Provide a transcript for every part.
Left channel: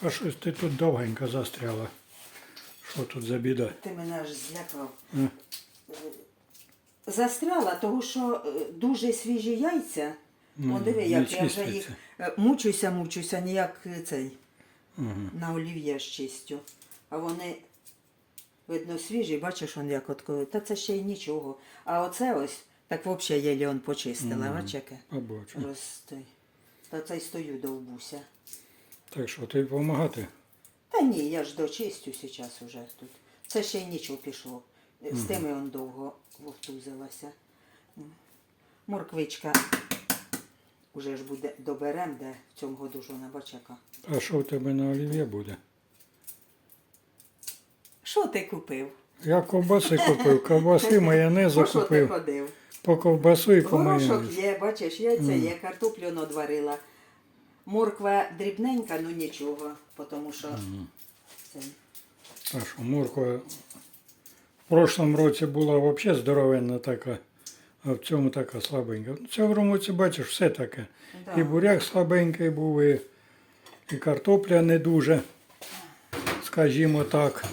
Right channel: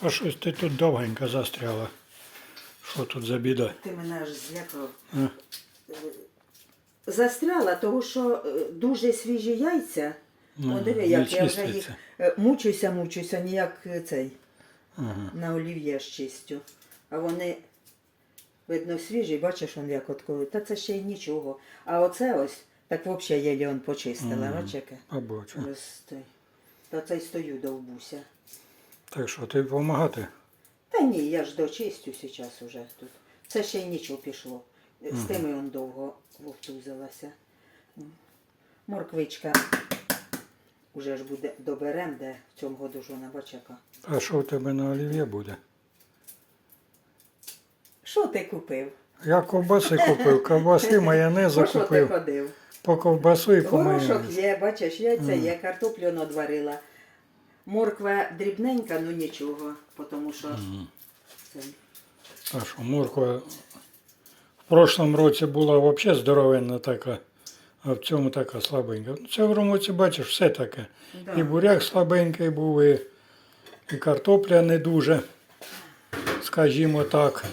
А щось ти тут довгенько застряла. Що тут за біда? Ти мене аж злякав. А? Застряла, тому що е, дуже свіжі яйця. Ну, О, диви, як я вже їх е, мучуся, мучуся, ніяк е, цей Ага. на олів'є ж чистю. А вони, видно, свіжі, бачиш, он як от. Та це ще й нічого. А оце ось, так взагалі єлі он почистила, Мгм. бач яке. Побачу. Та це й стою довбуся. Так що, ти допомагати? Та ні, я ж дочистю зараз уже тут. Це ще й нічого пішло. З тими он довго вовтузилася. Морквичка уже ж буде доберем, де в цьому году ж вона бачака. А що в тебе на олів'є буде? Що ти купив? Я ковбаси купив, ковбаси, майонезу По що ти купив. ходив? По ковбасу і по Горошок є, бачиш, яйця є, картоплю надварила. Морква дрібненька, ну нічого, тому що це, А що, морква в прошлому році була взагалі здоровенна така, а в цьому така слабенька. В цьому році, бачиш, все таке. да. І буряк слабенький був, і, і картопля не дуже, скажімо так.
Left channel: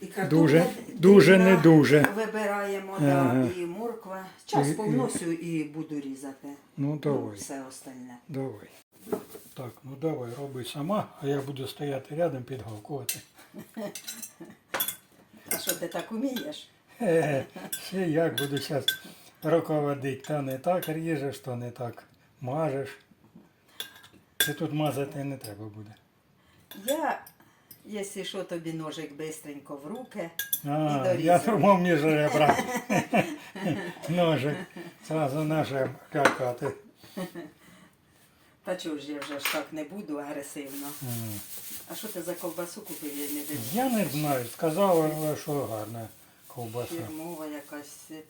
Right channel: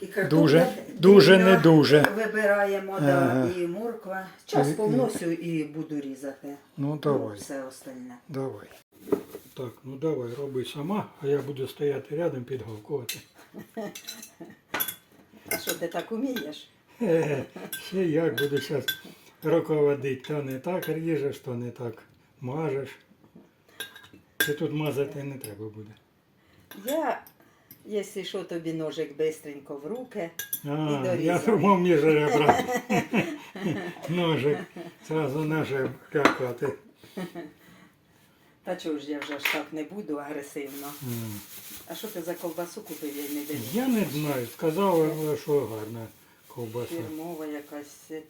І картопля Дуже- дуже дрібна не дуже. Вибираємо, Ага. да, і морква. Час І- і- повносю і буду різати. Ну Ну, давай, все остальне. давай. Так, ну давай, роби сама, а я буду стояти рядом підгавкувати. А що ти так умієш? Ще як буду зараз руководити. То не так ріжеш, то не так мажеш. Ти тут мазати не треба буде. Я, якщо що, тобі ножик бистренько в руки. А, І дорізав. я думав між ребра. Ножик. Зразу наше какати. Та чого ж я вже ж так не буду агресивно. М. А що ти за ковбасу купив, я не дивлюсь. Я не знаю, сказав, що гарна ковбаса. Фірмова якась це,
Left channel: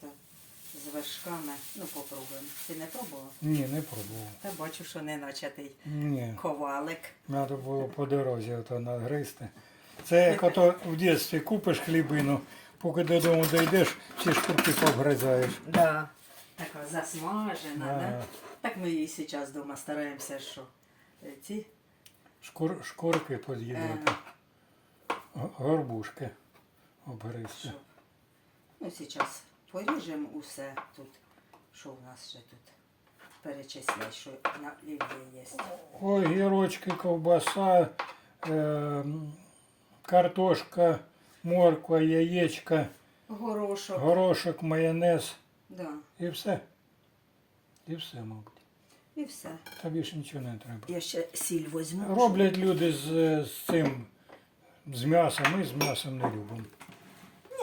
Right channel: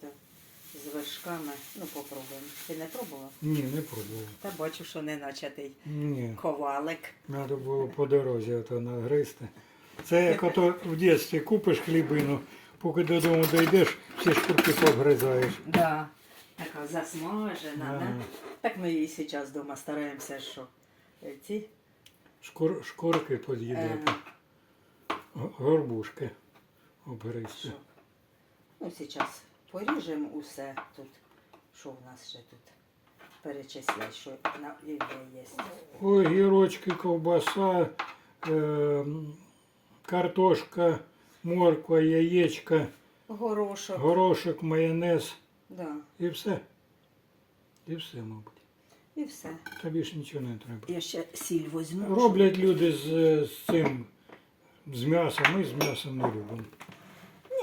з вершками. Ну, попробуємо. Ти не пробував? Ні, не пробував. Та бачу, що не начатий Ні. ковалик. Треба було по дорозі ото нагризти. Це як ото в дитинстві купиш хлібину, поки додому дійдеш, всі шкурки повгризаєш. Да. Така засмажена, да? Так ми і зараз вдома стараємося, що е, ці Шкур, шкурки поз'їдати. Горбушки обгризти. Ну, зараз поріжемо усе тут. Що в нас ще тут? Перечислять, що на є. Ой, гірочки, ковбаса, е, картошка, морква, яєчка, Горошок. горошок, майонез Да. і все. І все, мабуть. І все. Тобі ж нічого не треба. Я ще сіль возьму. Роблять люди з, з цим, з м'ясом, ми з м'ясом не любимо.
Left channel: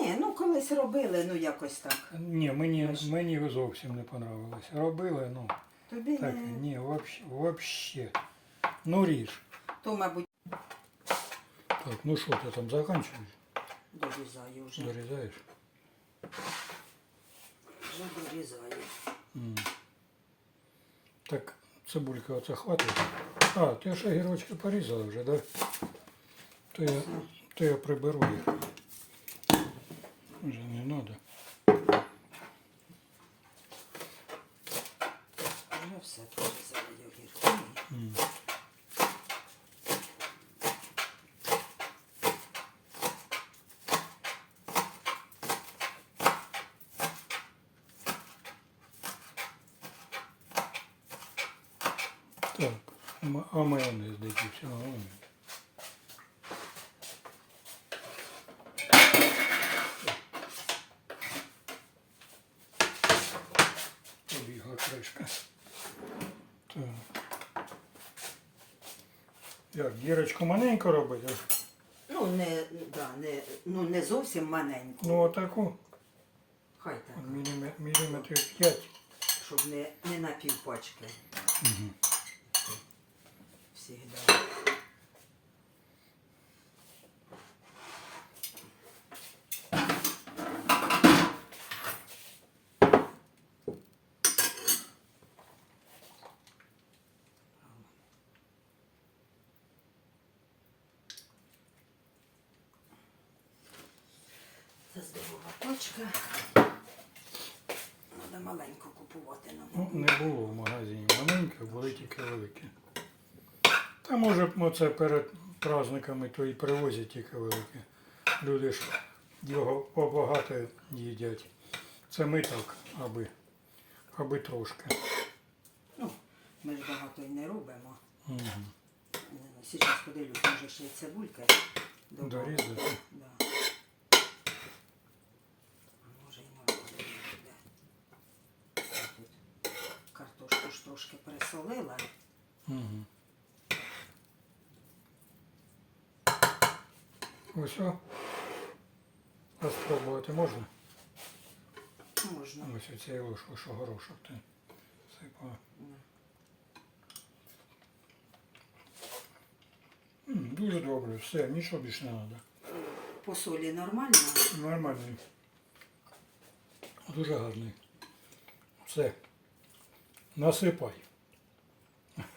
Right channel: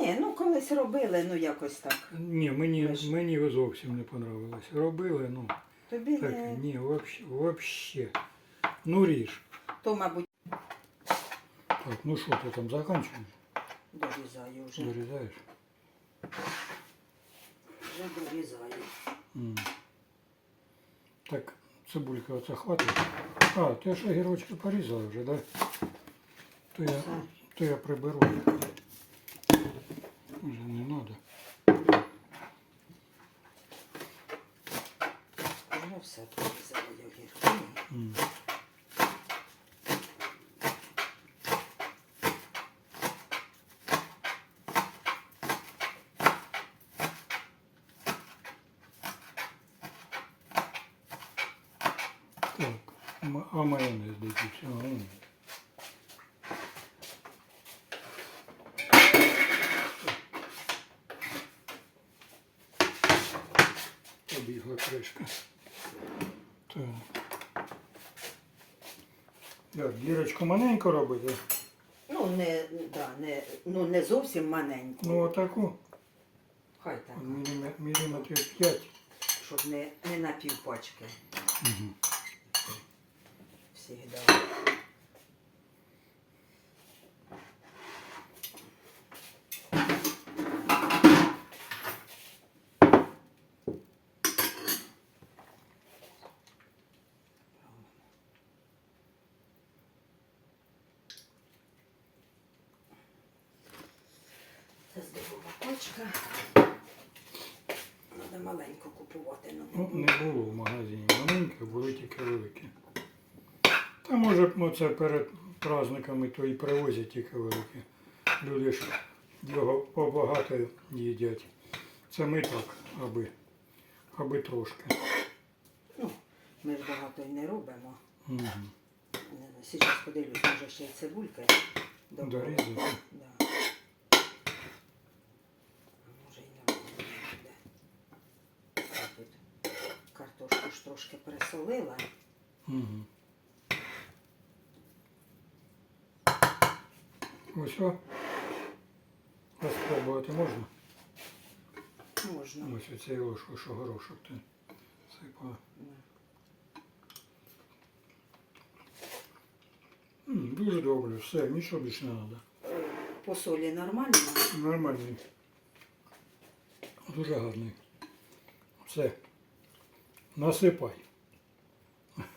Ні, ну колись робили, ну якось так. Ні, мені, мені зовсім не понравилось. Робили, ну, Тобі так, не... ні, вообще, вообще. Ну ріж. То, мабуть, Так, ну що ти там закінчуєш? дорізаю вже. Дорізаєш? Вже дорізаю. Так, цибулька оце хватить. А, ти ж огірочки порізала вже, да? То я, то я приберу. Вже не треба. Вже все порізала огірки. М. Так, м- а майонез дайте все равно. Побігла кришка. Так. Як, дірочку маленько робити? Ну, не, да, не, ну, не зовсім маленьку. Ну, отаку. Хай так, Міліме- Міліметрів 5. щоб не, не на півпачки. Угу. Всегда. Це здорова пачка. Треба маленько купувати. Ну, не було в магазині маленьке, були тільки великі. Та може б це перед, праздниками, то і привозять тільки великі. Люди ж його побагато їдять. Це ми так, аби, аби трошки. Ну, ми ж багато й не робимо. Угу. Зараз подивлюсь, може ще й цибулька. Дорізати. Да. Може і не буде. Картошку ж трошки пересолила. Угу. Ось о. Ось спробувати можна? Можна. Ось оцією ложкою, що горошок ти сипала. М, Дуже добре, все, нічого більше не треба. По солі нормально. Нормальний. Дуже гарний. Все. Насипай.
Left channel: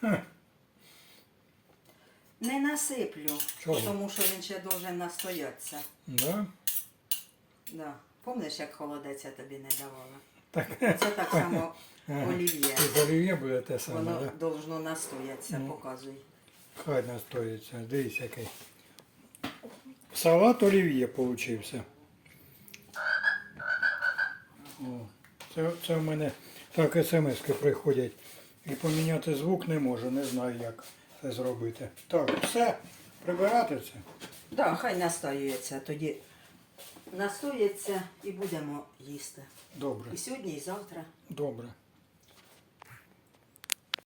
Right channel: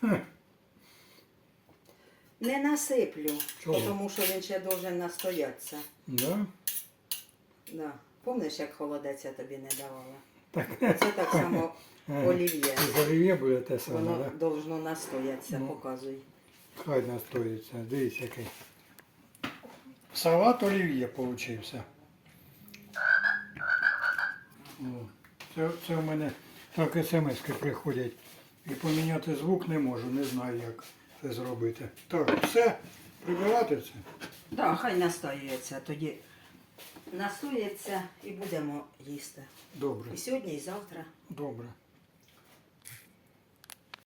Не насиплю, Чого? тому що він ще должен настоятися. Да? Да. Помниш, як холодець я тобі не давала? Так. Це так само олів'є. З олів'є буде те саме, Воно да? должно настоятися, Ну. показуй. Хай настоїться. Дивись який. Салат олів'є получився. О, це, це в мене так смски приходять. І поміняти звук не можу, не знаю, як зробити. Так, все, прибирати це. Да, хай настоюється, тоді настоїться і будемо їсти. Добре, І сьогодні, і завтра. добре.